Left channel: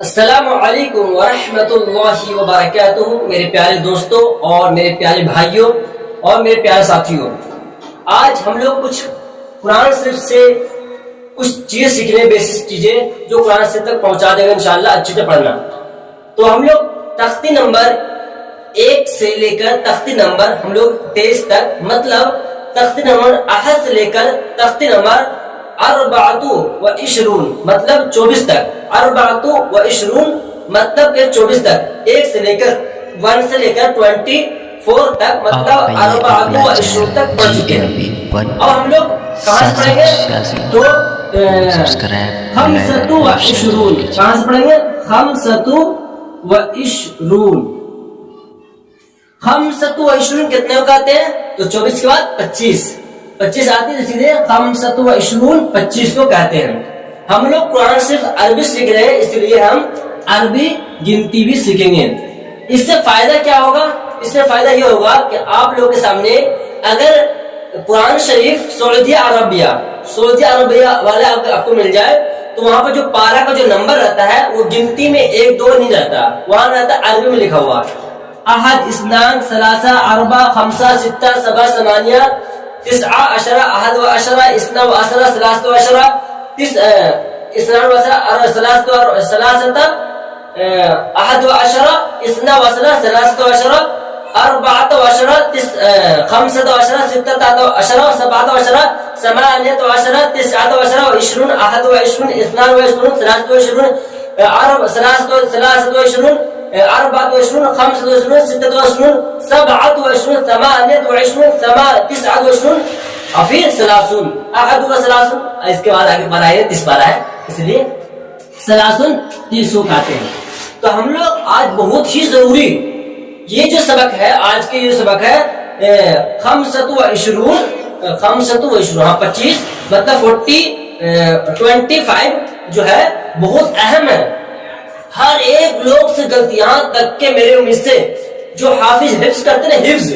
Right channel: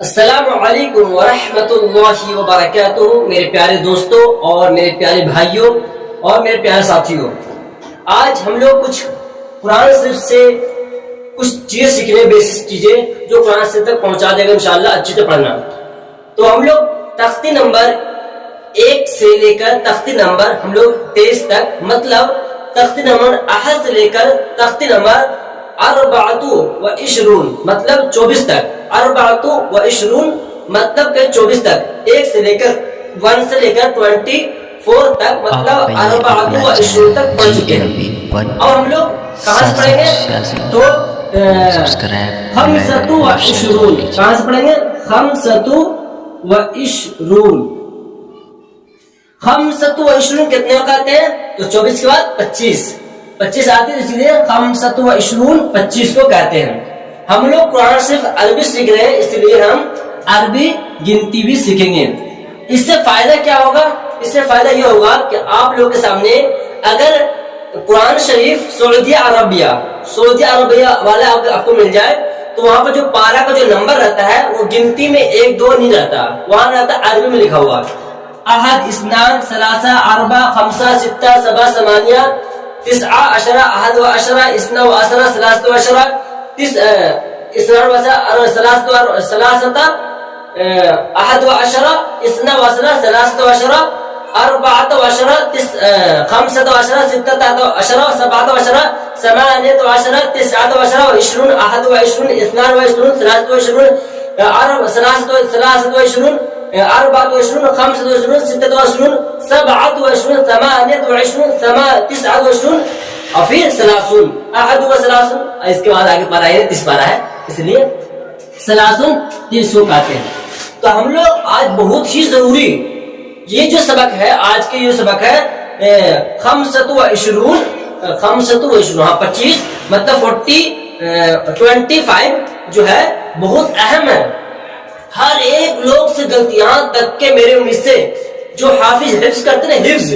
السلام علیکم ورحمۃ اللہ وبرکاتہ میرے پیارے دوستوں اور میرے پیارے بھائیوں اور میرے پیارے ساتھیوں، آج ہم لوگ کچھ قرآن شریف سے کچھ چیزیں سیکھنے، بیسک چیزیں جو قرآن شریف تک پہنچا دے گا انشاءاللہ اچھے سے پڑھنا۔ تو ہم لوگ تختی نمبر 1 سے لے کر تختی نمبر ہم لوگ 23 تک، مطلب تختی نمبر 1 سے لے کر تختی نمبر 24 مطلب 24 تک، 24 مطلب کہ 24 تک، 1 سے لے کر 1 سے لے کر 24 تک مطلب 24 تک پڑھ چکے ہیں۔ اور ہم لوگ کہاں سے پڑھیں گے؟ تو 25 کہاں سے پڑھیں گے؟ 25 کتنے کو کہتے ہیں؟ تو 24 کے بعد 25 آتی ہے، اسی لیے 25 کو کہتے ہیں۔ ہم لوگ قرآن صرف عربی سیکھ رہے ہیں، اس لیے ہم عربی گنتی بھی سیکھیں گے۔ اس سے فائدہ کیا ہوگا؟ اس سے فائدہ یہ ہوگا کہ آپ لوگوں کے سامنے اگر قرآن شریف سعودی عربیہ والے آپ کو مل جائے تو وہاں پر جو پارہ کا جو نمبر رہتا ہے وہ گنتی میں 1 2 نہیں رہتا، وہاں رہتا عربی میں لکھا ہوا 1 2 3 4 5 6 7 7 8 9 10 11 12 13 14 اور پھر 30 اس کے بعد آگے پارہ ہے 30 پارہ ہے، اس لیے 30 کہتے ہیں۔ تو ہم لوگ آج بہت ہی ضروری یہ جو سبق ہے، آج کے یہ سبق ہے 25 مطلب 25 جو ہے بہت اہم ہے۔ ہر ایک لوگ سے غلطی، یہاں تک کہ میرے امید سے جو حفظ کرتے ہیں حفظ،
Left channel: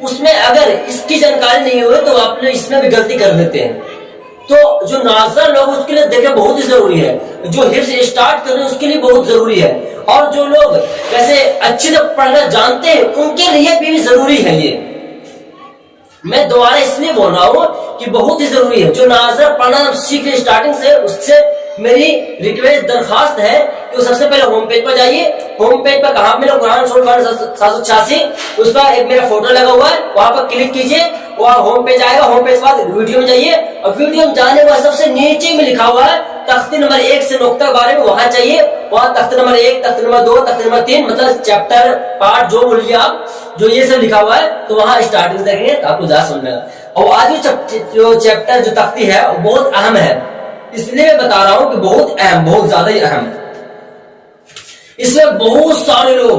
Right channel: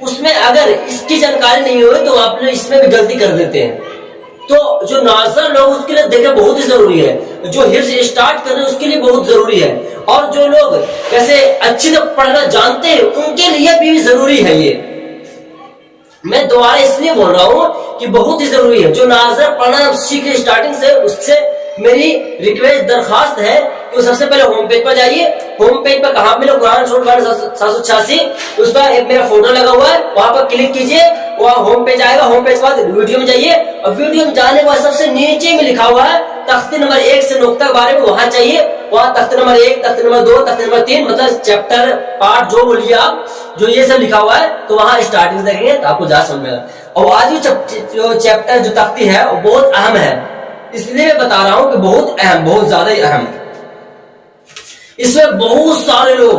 اس میں اگر اس کی جانکاری نہیں ہوئی تو آپ لوگ اس میں بھی غلطی کر دیتے ہیں۔ تو جو ناظر لوگ اس کے لیے دیکھیں بہت ہی ضروری ہے، جو حفظ اسٹارٹ کر رہے ہیں اس کے لیے بہت ضروری ہے، اور جو لوگ کیسے اچھے سے پڑھنا جانتے ہیں ان کے لیے بھی ضروری ہے۔ یہ میں دوبارہ اس لیے بول رہا ہوں کہ بہت ہی ضروری ہے۔ جو ناظر پڑھنا سیکھ رہے اسٹارٹنگ سے، اس سے میری ریکویسٹ درخواست ہے کہ سب سے پہلے ہوم پیج پر جائیے۔ ہوم پیج پر کہاں ملے؟ قرآن سورہ 786، اس پر ایک میرا فوٹو لگا ہوا ہے، وہاں پر کلک کیجئے، وہاں ہوم پیج آئے گا۔ ہوم پیج کے بعد ویڈیو میں جائیے، اور ویڈیو میں جانے کے بعد سب سے نیچے میں لکھا ہوا ہے تختی نمبر 1 سے نقطہ کے بارے میں، وہاں چاہیے، وہاں تختی نمبر 1 تختی نمبر 2 تختی نمبر 3 مطلب چیپٹر پارٹ جو بولیے آپ، جو یہ سب لکھا ہوا ہے تو وہاں اسٹارٹنگ دیکھیں گے تو آپ کو زیادہ سمجھ میں آئے گا۔ اور آج جو چیپٹر جو تختی ہے وہ بہت اہم ہے، اس لیے میں بتا رہا ہوں کہ بہت اہم، بہت زیادہ ہی اہم۔ اس میں بہت سارے لوگ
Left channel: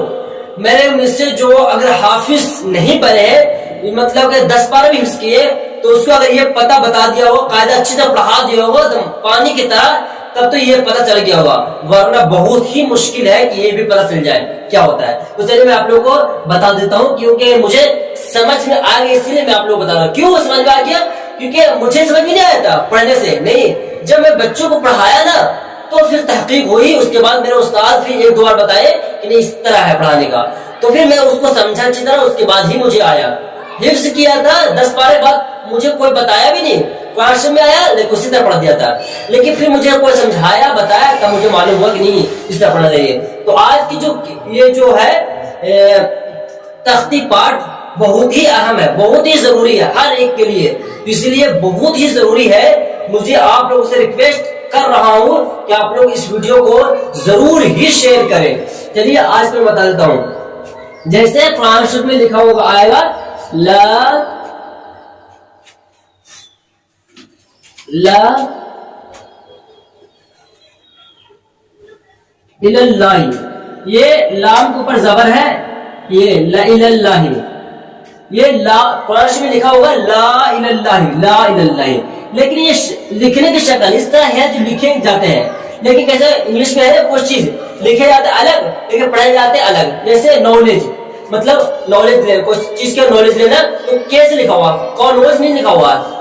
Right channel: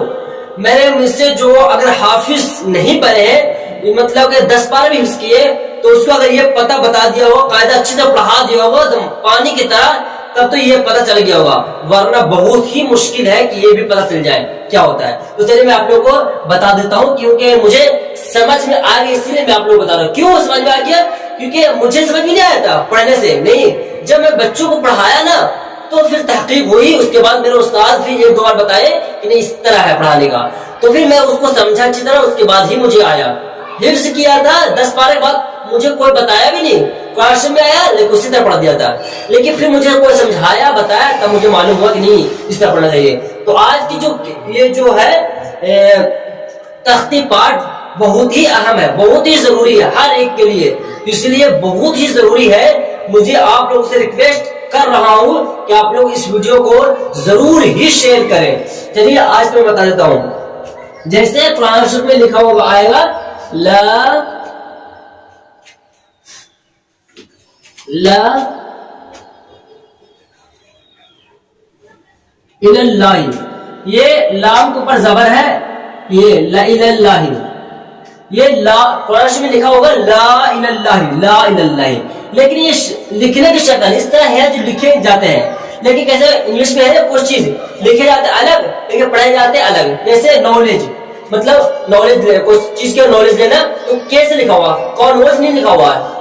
میرے مجھ سے جو اگر حافظ نہیں پڑھے ہیں، مطلب کہ 10 پارہ بھی حفظ کیے، تو اس کو اگر یہ پتہ بتا دیا ہو، قاعدہ اچھی طرح پڑھا دیا ہوگا پانی کی طرح، تب تو یہ پتہ چل گیا ہوگا، ورنہ بہت ہی مشکل ہے کہ یہ بھی پتہ چل جائے کیا ہوتا ہے۔ تو چلیے میں آپ لوگوں کو بتا دیتا ہوں، کیونکہ مجھے سمجھ میں آ گیا، اسی لیے میں آپ لوگوں کو بتا رہا ہوں۔ کیوں سمجھ میں آ گیا؟ کیونکہ مجھے سمجھ میں نہیں آیا تھا پڑھنے سے، نہیں، جب میں بچوں کو پڑھایا نا تو پھر تحقیق ہوئی، اس کے بعد میرے استاد پھر 1 2 بار بتائے کہ نہیں اس طرح ہے پڑھانے کا، تو پھر میں اس کو سمجھا اچھی طرح، اس کے بعد ہی مجھے آیا۔ حفظ کیا تھا 10 پارے کے بعد، مجھے کوئی بتایا بھی نہیں، قرآن میں آیا لیکن اسی طرح پڑھ دیا تھا، لیکن پھر مجھے کوئی سمجھایا بتایا تب مجھے معلوم ہوا کہ نہیں اس طرح پڑھنا چاہیے۔ تو آج کی جو یہ جو ہے تختی پارٹ بہت ہی اہم ہے، بہت ہی ضروری ہے ہر ایک کے لیے، اس لیے بہت ہی ضروری ہے۔ مجھے آپ لوگوں سے ریکویسٹ کر رہا ہوں کہ آپ لوگ اس ویڈیو کو ضرور ہی شیئر کریں۔ چلیے آج میں بتا دیتا ہوں، جیسے قرآن شریف میں لکھا ہوگا آئے گا لا الہ اللہ، یہ لام کے اوپر زبر ہے، یہ لا الہ اللہ، یہ لا قرآن شریف میں لکھا ہوگا لا الہ اللہ، لا الہ اللہ، لیکن یہ لکھنے کی شکل اس طرح ہے جو لکھے جاتے ہیں، لیکن کیسے انگلش میں ہے کچھ چیز لکھے جاتے الگ لیکن پڑھے جاتے الگ، جیسے نالج، مطلب نالج کوئی چیز کے نالج لینا تو کیسے لکھا ہوا، کون نالج نہیں لکھا ہوا،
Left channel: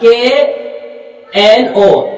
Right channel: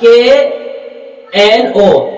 KNO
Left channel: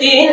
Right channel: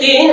3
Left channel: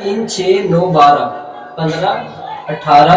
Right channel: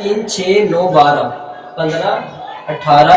3, 6, 9, 12, 15, 18,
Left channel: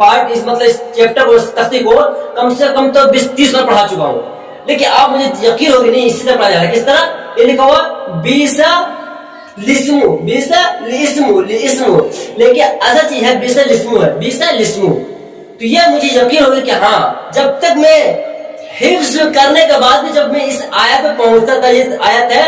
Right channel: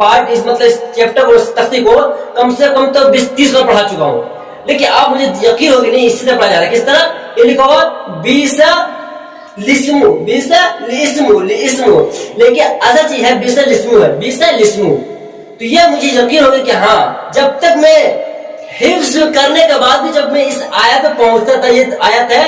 پارٹ اس مطلب اس چیپٹر کو، اس تختی کو کم سے کم تو 20-30 بار پڑھا چکا ہوں، لیکن آپ مجھے یقین ہوگی نہیں اسی طرح پڑھا جا رہا ہے. کس طرح؟ یہ لکھا ہوا بیسا لسمو، بیسا لسمو، لیکن اصل چیز ہے بیسا لسمو ہے، بیسا لسمو. تو یہ مجھے یقین ہوگا کہ ہاں جب تک میں حفظ کرنے کے بعد بھی جب میں اس آیت پہ پہنچتا تھا، یہ آیت ہے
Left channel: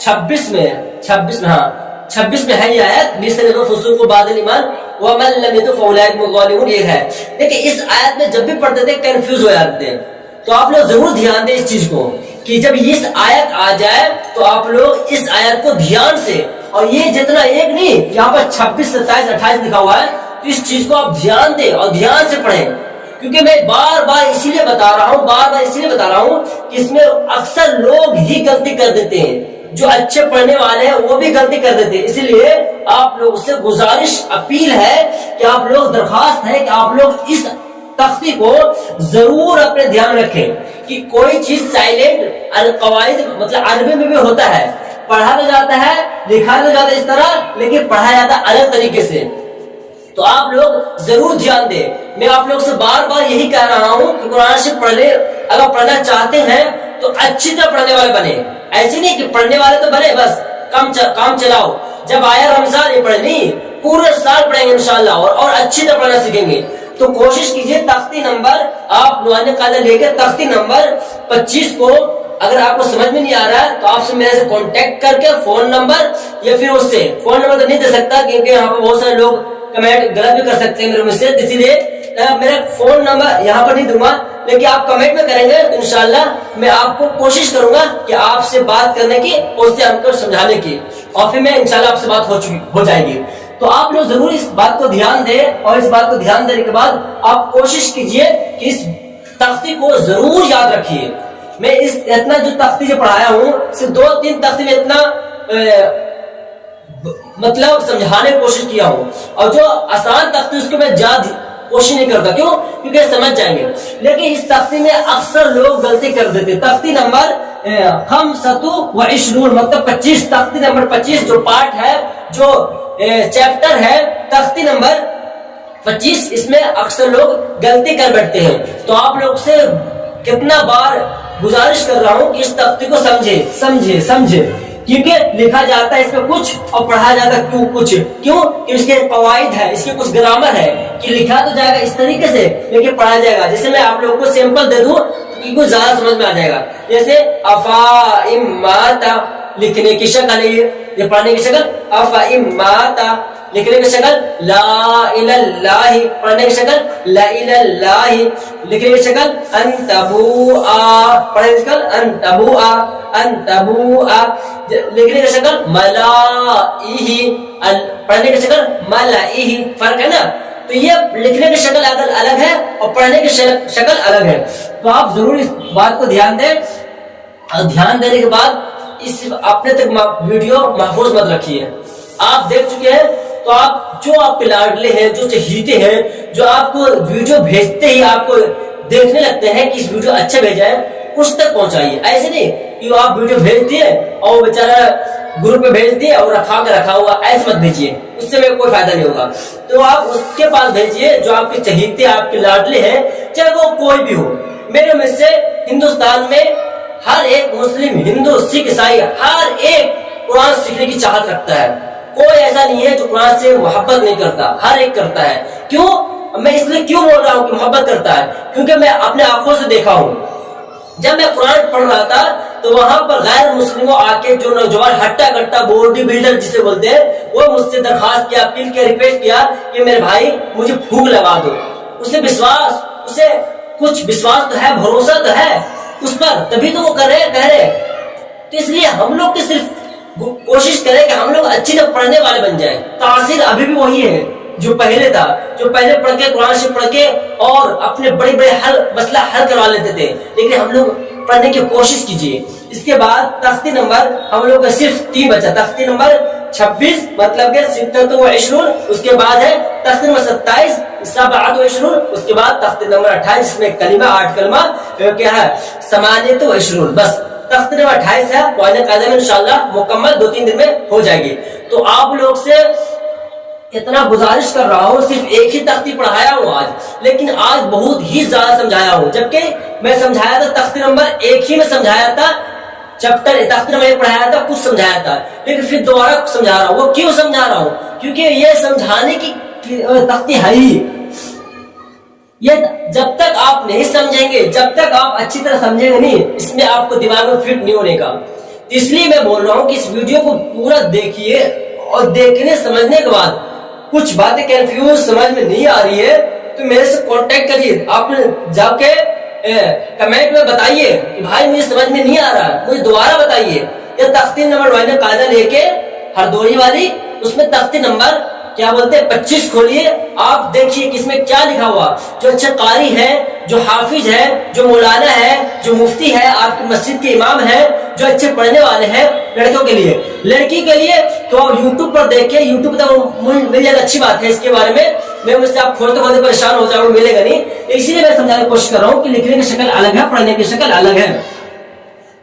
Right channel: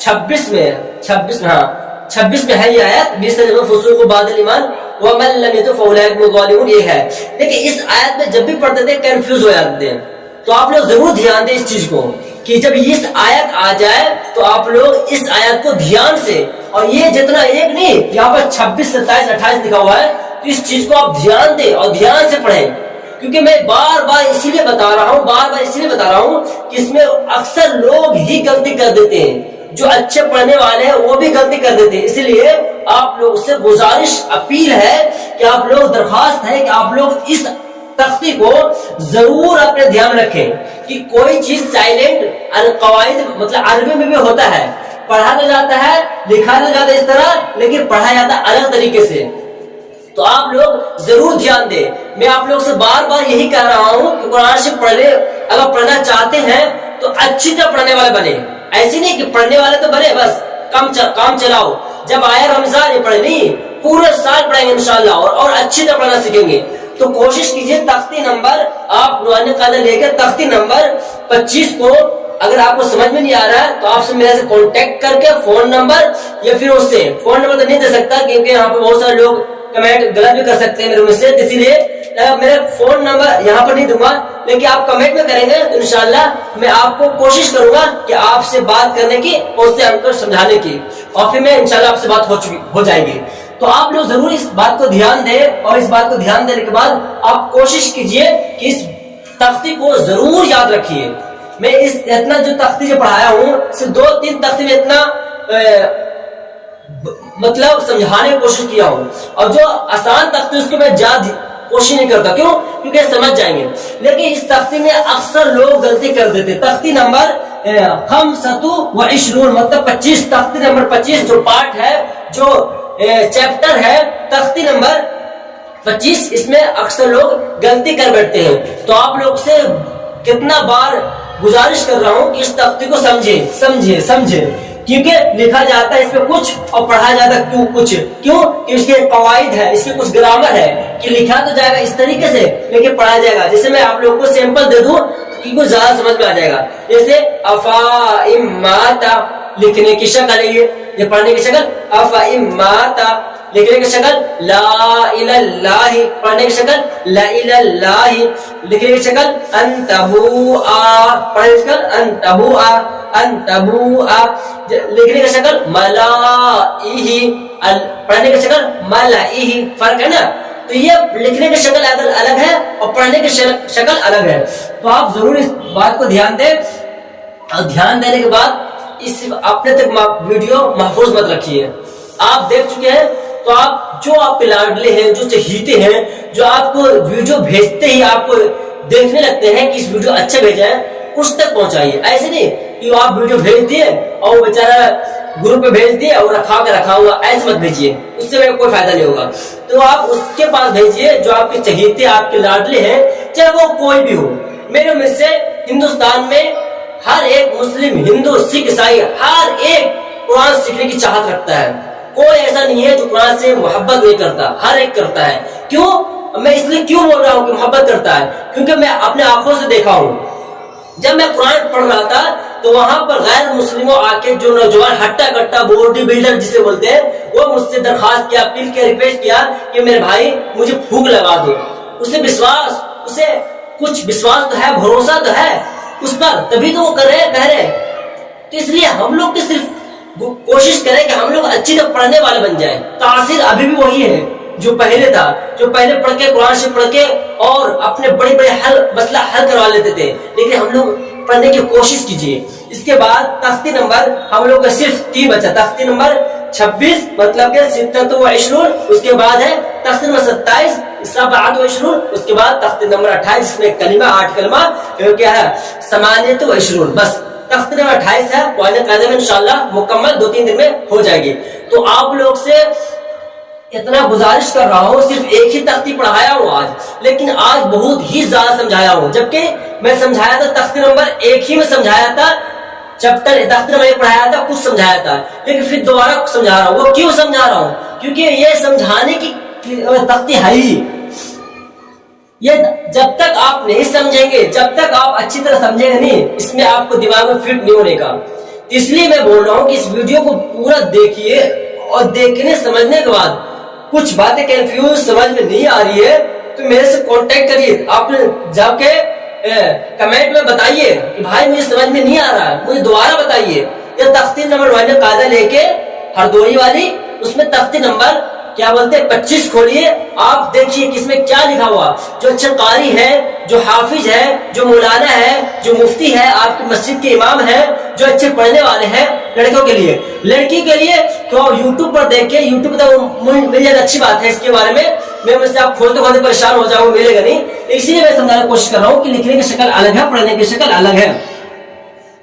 26 میں، 26 میں ہے یہ آیت، 20 فسوق بعد الایمان ومن لم يتب فاولئک هم الظالمون، یہ ہے. لیکن اس آیت میں جب بھی پڑھتے تھے کنفیوز ہو جاتے تھے. تو آپ لوگ ضرور دھیان دیں اس چیز کو کہ جب اس آیت آ جائے تو آپ لوگ اس آیت کو دھیان سے، اور یہ جتنا ایک نہیں، یہاں پر 26 27 28 لکھا ہوا ہے، تو اس چیز کو آپ دھیان دیں اور دھیان سے پڑھیں. کیونکہ میں بار بار اسی لیے بتا رہا ہوں کہ اس میں اکثر لوگ ہی غلطی کر دیتے ہیں، جو اچھے پڑھنے والے ہیں وہ بھی غلطی کر دیتے ہیں. اسی لیے آپ لوگ سے گزارش اپیل ہے کہ آپ لوگ درخواست ہے کہ آپ لوگ اس تختی کو ضرور اپنے دھیان رکھیں کہ کوئی چیز سائلنٹ القواعد مطلب عربی میں بھی ہوتا ہے، پڑھا تو جاتا ہے، لکھا تو جاتا ہے اس طرح، لیکن پڑھا جاتا ہے الگ طریقے سے. تو آپ لوگ ضرور دھیان دیں. میں آپ لوگ سے بار بار یہی کہہ رہا ہوں کہ قرآن شریف پڑھنے، اگر پڑھنا چاہتے ہیں تو اچھی طرح پڑھنے والے بنے. ایسی نہیں کہ پڑھنے والے تو بنے بس کام چلاؤ، جب آیا رمضان یہ پڑھے نہیں، پورے سال پڑھیں گے انشاءاللہ اور اچھی طرح پڑھنا سیکھیں گے. تو کوشش کیجئے تختی نمبر آپ نورانی قاعدہ لے کے تختی نمبر 25 کو، اگر آپ کو سمجھ میں نہیں آ رہا ہے تو آپ سے میرے سے کانٹیکٹ کر کے فون نمبر یا پھر اس سے فون نمبر تو نہیں دے سکتا کیونکہ یہاں پہ بہت سارے لوگ کمنٹ غلط بھی کر سکتے ہیں میرے مجھ سے، اسی لیے میرا فون نمبر یہاں پر نہیں دوں گا، لیکن آپ کمنٹ میں کریں گے تو انشاءاللہ میں آپ کو کوشش کروں گا کہ آپ سے بات کرنے کی اور اس سے ہم کو سمجھانے کی، اور پھر میں انشاءاللہ آپ سے بات ہو جائے گی. تو آپ لوگ ضرور اس بات کو دھیان دیں، اور اس بات کو دھیان دینے کے بعد آپ کوشش کیجئے کہ اس تختی کو ضرور یاد رکھیے. میں اس اتنا جو تختی جو پڑھایا ہوں صرف 2-3 تختی میں اتنا مطلب سمجھانے کی کوشش کیا ہوں، اور جو آسان تختی اس کو میں زیادہ کوشش نہیں کرتا. کیوں؟ کیونکہ سمجھ جائیں گے. لیکن اس تختی میں اکثر لوگ غلطی کر دیتے. تختی نمبر 25 مطلب 25، تختی نمبر 25 جو پارٹ ہے، جو چیپٹر ہے تختی نمبر 25، اس میں اکثر لوگ غلطی کر بیٹھتے ہیں. تو آپ لوگ سے کتنا بار گزارش کر رہا ہوں کہ اس تختی کو سمجھے، کیونکہ لکھا جاتا ہے اس میں کچھ اور پڑھا جاتا ہے کچھ. کیوں؟ کہ اس کے قواعد ہے، اس کے کچھ گرامر ہے کہ لکھا تو جائے گا اس طریقے سے لیکن پڑھا جائے گا. جیسے میں آپ لوگوں کو سیمپل دے دوں کہ کچھ زیادہ سمجھ میں آ جائے گا. جیسے افا لکھنے کی شکل ہے، یہ پڑھنے کی شکل افا لکھنے کی شکل لا الہ اللہ، پڑھنے کی شکل لا الہ اللہ، لکھنے کی شکل انتبوآ، پڑھنے کی شکل انتبوآ، لکھنے کی شکل ملائہ، پڑھنے کی شکل ملائہ. فرق ہے نا؟ تو یہ لکھنے کی شکل الگ ہے اور پڑھنے کی شکل الگ ہے. تو آپ ضرور اس بات کو دھیان دیں، اور دھیان دینے کے بعد اس اپنے تک ویڈیو محفوظ مت رکھیے. آپ دیکھ چکے ہیں تو آپ جو آپ کے لاڈلے ہیں، جو چہیتے ہیں، جو آپ کو ویڈیو بھیجتے ہی آپ کو دیکھنے لگتے ہیں کہ اس ویڈیو اچھا بھیجا ہے، اس تک پہنچائیے. ایسے نہیں کہ آپ ویڈیو بھیج دیے اور وہ بیچارہ گروپ پہ بھیج دیے اور رکھا ہوا، ایسے مت بھیجیے، اس سے میرے کوئی فائدہ نہیں ہوگا. تو آپ اس کے پاس بھیجیے جو آپ کے چہیتے، آپ کے لاڈلے ہیں، چاہے وہ کوئی بھی ہو. میرے میں سے ہندوستان میں ہر ایک مسلم، ہندو، سکھ، عیسائی، ہر ایک قرآن سیکھنے کی چاہت رکھتا ہے. کوئی ایسا نہیں ہے جو قرآن سے محبت نہیں کرتا، ہر ایک کرتا ہے. کیوں؟ میں اس لیے کیوں بول رہا ہوں کہ محبت کرتا ہے؟ کیونکہ میں اپنے آنکھوں سے دیکھا ہوں. جب میں قرآن پڑھ رہا تھا تو وہاں پر غیر مسلموں آ کے، جو نوجوان ہٹا کٹا باڈی بلڈر جسے بولتے ہیں، وہ مجھ سے درخواست کیا، اپیل کیا، ریکویسٹ کیا کہ میرے بھائی مجھے پھونک لگا دو. اسے کچھ وشواس تو ہے، بھروسہ تو ہے اس پر، تبھی تو وہ کہہ رہے. تو اس لیے ہم لوگ کی صرف کوشش کریں کہ ہم لوگ اچھی طرح پڑھنے والے بن جائیں. تاثیر ابھی بھی وہی ہے جو پہلے تھا، جو پہلے پڑھ کے قرآن شریف پڑھ کے اور اپنے بڑے مسئلہ حل کروا لیتے تھے. لیکن ہم لوگ پڑھنے کی کوشش کیجیے. اس کے بعد تختی نمبر ہم لوگ کا صرف 3 بچا. تختی نمبر 26 مطلب کہ 26، اس کے بعد ہے تختی نمبر 27 27، اس کے بعد تختی نمبر 28 جس میں کلمہ 8 کلمہ کیا ہے 28. بس تخت نمبر 28 ہے، قاعدہ میں انشاءاللہ مکمل 2-3 دن میں ہو جائے گی. تو آپ لوگ سے اتنا گزارش کر رہا ہوں، صرف ایک ہی تختی پڑھایا ہوں آج، لیکن آج بہت ہی زیادہ سمجھایا ہوں، جبکہ میں سمجھایا تھا تختی نمبر 1 ہی میں سمجھایا تھا، چیپٹر تختی نمبر 1 پڑھایا تھا، کچھ سمجھایا تھا، لیکن پھر دوبارہ سمجھا رہا ہوں۔ وہ کیوں سمجھا رہا ہوں؟ کیونکہ یہ سمجھانے کی تختی ہے ہی، یہ جب تک آپ نہیں سمجھیں گے، جب تک آپ اچھی طرح سمجھیں گے نہیں، اس میں آپ کو دماغ میں فٹ نہیں ہونے کا۔ اس لیے میں بول رہا ہوں کہ اس ویڈیو کو پورا دیکھیے، اور دیکھنے سمجھنے کے بعد کچھ باتیں کنفیوز سمجھ میں نہیں آ رہی ہے تو میرے سے کانٹیکٹ کریے، آپ جا کے کمنٹ میں بتائیے کہ بھائی مجھے سمجھ میں نہیں آ رہا ہے، مجھے دوبارہ بتائیے۔ یہ تختی نمبر والے قاعدہ لے کے ہردوئی والی، اس میں تختی نمبر کیا بولتے ہیں 25 کھولیے، آپ دیکھیے کہ اس میں کیا لکھا ہوا۔ جو اچھا قاری ہے، جو حافظ ہے، جو مولانا ہے، جو مفتی ہے، آپ کی مسجد کے امام ہے، جو اچھے پڑھنے والے ہیں، لڑکوں کے لیے، لڑکی کے لیے تو آپ یوٹیوب پر دیکھیں، یوٹیوب پر مل جائے، اچھی بات ہے۔ اس کے بارے میں مجھ سے آپ کھولتے کھولتے پریشان ہو جاؤ، ملے گا نہیں، اسی لیے میں سمجھانے کی کوشش کر رہا ہوں کہ لکھنے کی شکل الگ ہے، پڑھنے کی شکل الگ ہے۔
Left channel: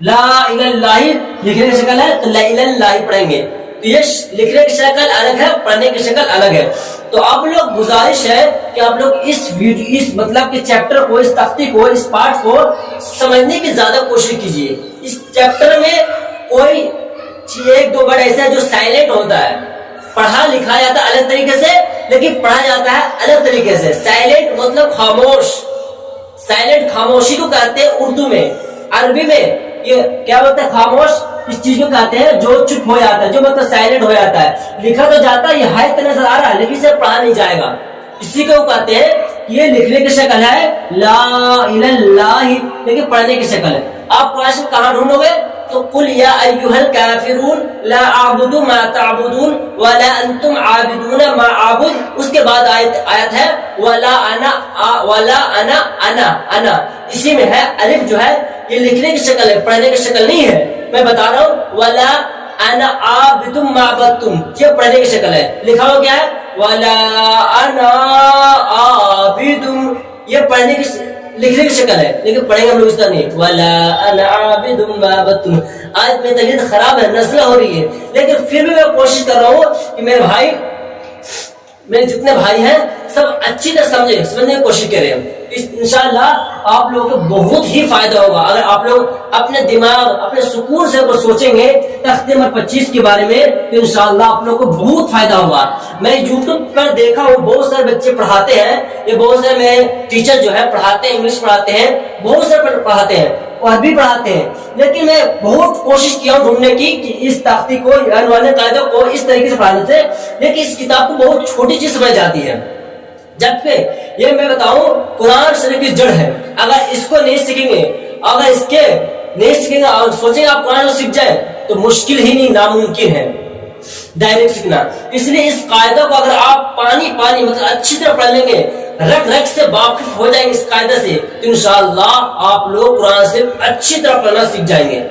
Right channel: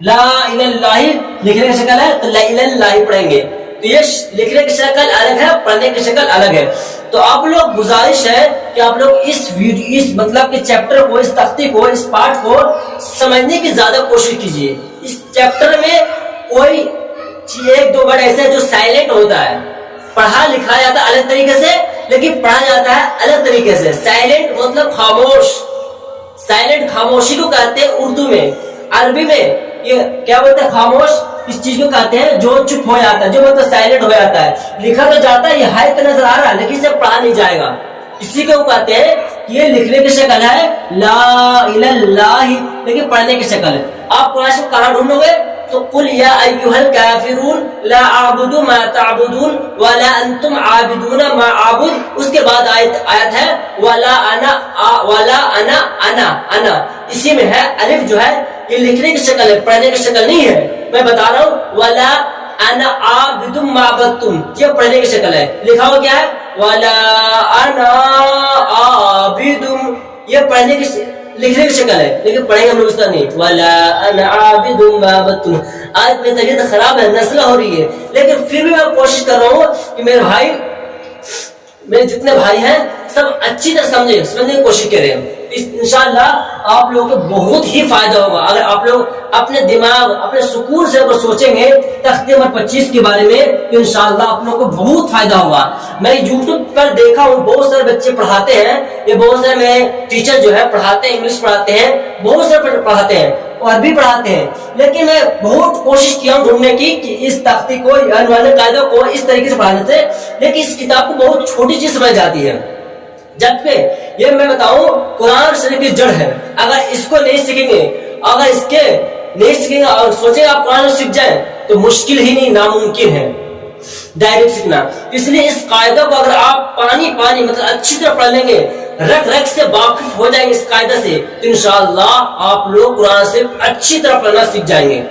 لا الہ الا اللہ لکھنے کی شکل ہے تو لا الہ الا اللہ پڑھیں گے، تو یہ لکھنے کی شکل الگ ہے، پڑھنے کی شکل الگ ہے۔ تو آپ لوگ گزارش ہے کہ آپ لوگ اس ویڈیو، اس مطلب کہ چیپٹر کو، اس تختی کو، اس پارٹ کو سمجھنے کی زیادہ کوشش کیجیے۔ اس چیپٹر میں کوئی 1-2 ورڈ ایسا ہے جو سائلنٹ ہوتا ہے، پڑھا لکھا جاتا ہے الگ طریقے سے، لیکن پڑھا جاتا ہے الگ طریقے سے۔ سائلنٹ مطلب خاموش، سائلنٹ خاموشی کو کہتے ہیں اردو میں، عربی میں یہ کیا بولتے ہیں؟ خاموش اس چیز کو کہتے ہیں جو چپ ہو جاتا ہے، جو مطلب سائلنٹ ہو جاتا ہے۔ لکھا تو جاتا ہے، یہ ہائے نظر آ رہا ہے، لیکن اسے پڑھا نہیں جائے گا، اسی کو کہتے ہیں کہ یہ لکھنے کی شکل ہے لا الہ الا اللہ، لیکن پڑھنے کی شکل ہے۔ آپ قرآن شریف کہاں ڈھونڈو گے؟ تو قل یا ایھا الکافرون لا اعبد ما تعبدون ولا انتم عابدون ما اعبد، اس کے بعد آیت ہے ولا انا، اسی میں ہے الف جو ہے یہ لکھنے کی شکل ہے، پڑھنے کی شکل نہیں ہے۔ میں بتا رہا ہوں ولا انا عابد ما عبدتم، یہ پڑھنے کی شکل ہے۔ لکھا ہوا کیا ہے؟ ولا انا عابد، یہ پڑھنے کی لکھنے کی شکل ہے، لیکن پڑھیں گے ہم لوگ اس طرح نہیں، ولا انا عابد ما عبدتم۔ آج میری طبیعت خراب ہے، نزلہ ہو رہی ہے، لیکن پھر بھی میں کوشش کر رہا ہوں کہ میرے بھائی، میرے جتنے بھائی ہیں سب اچھی طرح سمجھنے کی کوشش کریں۔ انشاءاللہ آپ لوگوں کو بہت ہی فائدہ ہوگا اگر آپ لوگ اپنے دماغ، اپنے سکون سے سوچیں گے تختی نمبر 25 کے بارے میں، تو انشاءاللہ آپ لوگوں کو بہت فائدہ ہوگا۔ میں یوٹیوب پر دیکھا ہوں بہت سارے بچے پڑھاتے ہیں، یہ بہت سارے میرے ٹیچر جو ہے پڑھاتے ہیں، انگلش پڑھاتے ہیں، بہت سارے پڑھاتے ہیں، عربی پڑھاتے ہیں، لیکن میں بہت کوشش کیا ہوں ڈھونڈنے کی کہ اس تختی کو، والے قاعدوں کو اس طریقے سے پڑھانے سے، لیکن اس کتاب کو بہت چھوٹی چیز سمجھ جاتی ہے۔ جبکہ یہ میں بتاؤں قرآن شریف کی جڑ ہے، اگر اس کو نہیں سیکھیں گے، اگر اس کے نہیں سیکھیں گے اور سوچیں آپ قرآن سیکھ جائیں تو مشکل ہی نہیں، ناممکن ہے ڈائریکٹ سیکھنا۔ اس لیے اس قاعدہ کو اگر آپ پانی مطلب اچھی طرح پڑھ لیں گے، رگ سے واقف ہو جائیں گے اس قاعدہ سے، تو انشاءاللہ آپ لوگ قرآن سے اچھی طرح پڑھنا سیکھ جائیں گے۔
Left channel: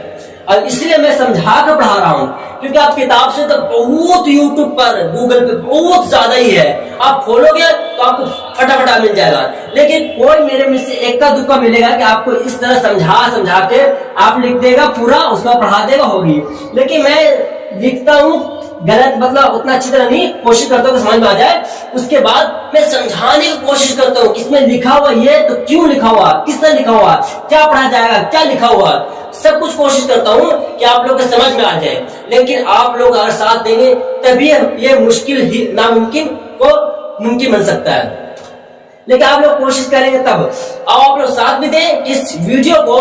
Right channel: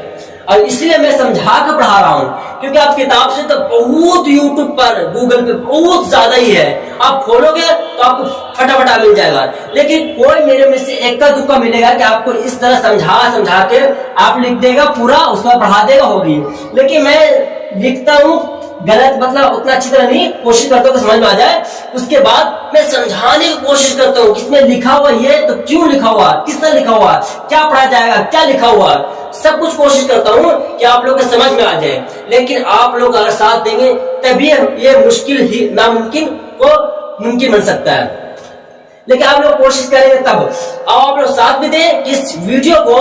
اور اس لیے میں سمجھا کر پڑھا رہا ہوں، کیونکہ آپ کتاب سے تو بہت یوٹیوب پر، گوگل پہ بہت زیادہ ہی ہے، آپ کھولو گے تو آپ کو فٹافٹ مل جائے گا، لیکن کوئی میرے میں سے ایک کا دکا ملے گا کہ آپ کو اس طرح سمجھا کے آپ لکھ دے گا پورا، اس کا پڑھا دے گا، ہوگی۔ لیکن میں لکھتا ہوں غلط، مطلب اتنا اچھی طرح نہیں، کوشش کرتا ہوں کہ سمجھ میں آ جائے، اس کے بعد میں سمجھانے کی کوشش کرتا ہوں کہ اس میں لکھا ہوا یہ تو کیوں لکھا ہوا، کس طرح لکھا ہوا، کیا پڑھا جائے گا، کیا لکھا ہوا، سب کچھ کوشش کرتا ہوں کہ آپ لوگ کو سمجھ میں آ جائے۔ لیکن آپ لوگ اگر ساتھ دیں گے تبھی یہ مشکل ہی ناممکن کو ممکن بن سکتا ہے، لیکن آپ لوگ کوشش کریں گے تب۔ آپ لوگ ساتھ بھی دیں کہ اس ویڈیو کو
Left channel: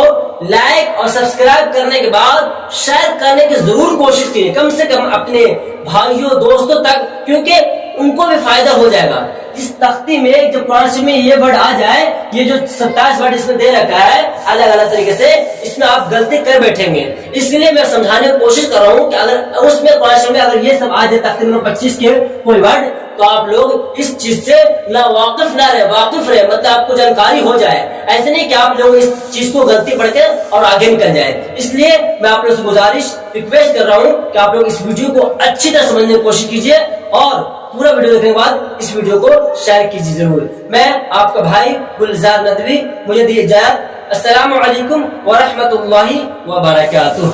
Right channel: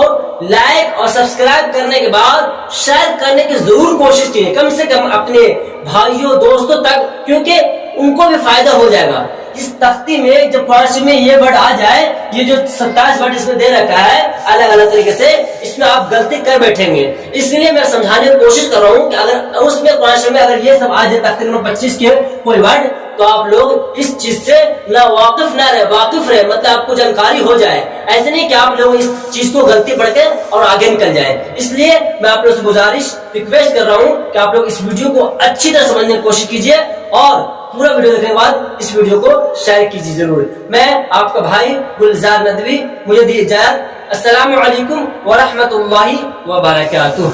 لائک اور سبسکرائب کرنے کے بعد شیئر کرنے کی ضرور کوشش کیجیے، کم سے کم اپنے بھائیوں دوستوں تک، کیونکہ ان کو بھی فائدہ ہو جائے گا۔ اس تختی میں جب فارسی میں یہ ورڈ آ جائے، یہ جو 27 ورڈ اس میں دے رکھا ہے الگ الگ طریقے سے، اس میں آپ غلطی کر بیٹھیں گے، اس لیے میں سمجھانے کی کوشش کر رہا ہوں کہ اگر اس میں فارسی میں اگر یہ سب آ جائے تختی نمبر 25 کے کوئی ورڈ، تو آپ لوگ اس چیز سے نہ واقف نہ رہے، واقف رہے، مطلب آپ کو جانکاری ہو جائے، ایسے نہیں کہ آپ لوگ اس چیز کو غلطی پڑھ کے اور آگے نکل جائے۔ اس لیے میں آپ لوگ سے گزارش ریکویسٹ کر رہا ہوں کہ آپ لوگ اس ویڈیو کو اچھی طرح سمجھنے کی کوشش کیجیے، اور پورا ویڈیو دیکھنے کے بعد اس ویڈیو کو شیئر کیجیے ضرور۔ میں آپ کا بھائی گلزار ندوی، مجھے دی اجازت۔ السلام علیکم ورحمۃ اللہ وبرکاتہ۔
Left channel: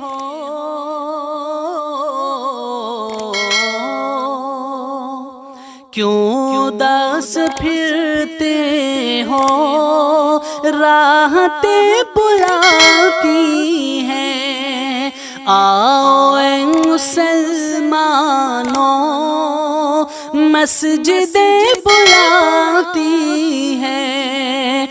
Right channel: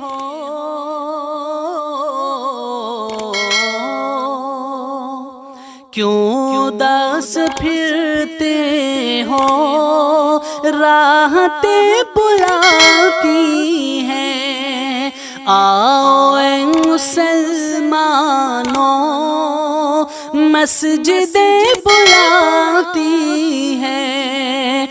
ہو کیوں اداس پھرتے ہو، راحتیں بلاتی ہیں، آؤ اے مسلمانوں مسجدیں بلاتی ہیں۔